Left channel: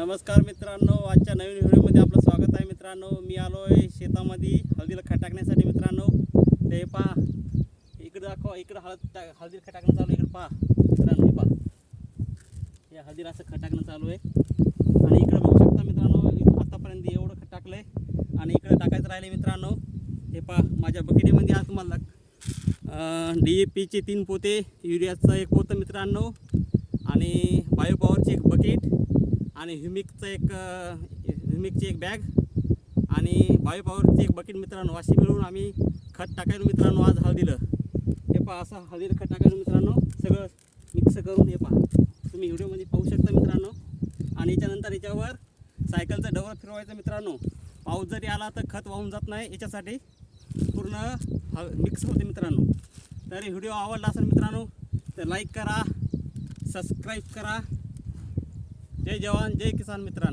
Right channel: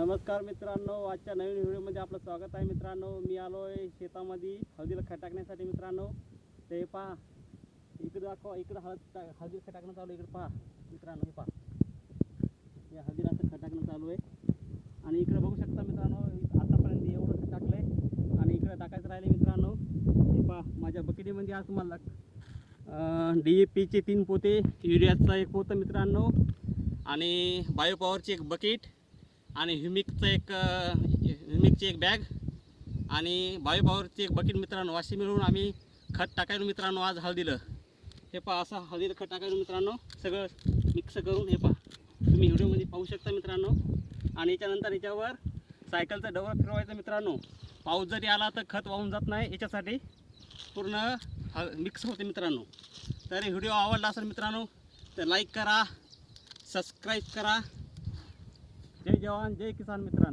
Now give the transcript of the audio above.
नमस्कार मित्रांनो, आजच्या नवीन व्हिडिओमध्ये आपलं स्वागत आहे मित्रांनो। मी आलो आहे शेतामध्ये हळदीला खत टाकण्यासाठी मित्रांनो। ते पहा इकडे दाखवा, इकडे हळदीला खत टाकणं चालू आहे। इकडे पहा मित्रांनो, हे पहा या हळदीला असं खत टाकणं चालू आहे। आणि इकडे बघू शकता मित्रांनो, आतापर्यंत एवढं खत टाकलंय आणि इकडे टाकायचं राहिले मित्रांनो। हे पहा माझ्या बकेटीमध्ये आज तुम्हाला DAP चे 3 पोते, युरियाचा 1 पोतं मित्रांनो, आणि बायोपॉवरची 1 बकेट, आणि ह्युमिकची एक बॅग, आणि बायोपॉवरची 1 बकेट मित्रांनो, अशी मिळून आम्ही खत टाकायला मित्रांनो आज हळदीला। हे पहा असं हळदीला खत टाकायला मित्रांनो, सगळं मिक्स करून हे पहा तुम्ही व्हिडिओमध्ये पाहू शकता मित्रांनो। आणि याच्यानंतर याच्यावर सायकलचा डवर फिरवायचा मित्रांनो। पाऊस जरी आला तर खत वाहून जात नाही, याच्यासाठी पूर्ण मिक्स होते मित्रांनो। तर व्हिडिओ आवडला असेल मित्रांनो तर लाईक करा, सबस्क्राईब करा। जय जवान जय किसान मित्रांनो।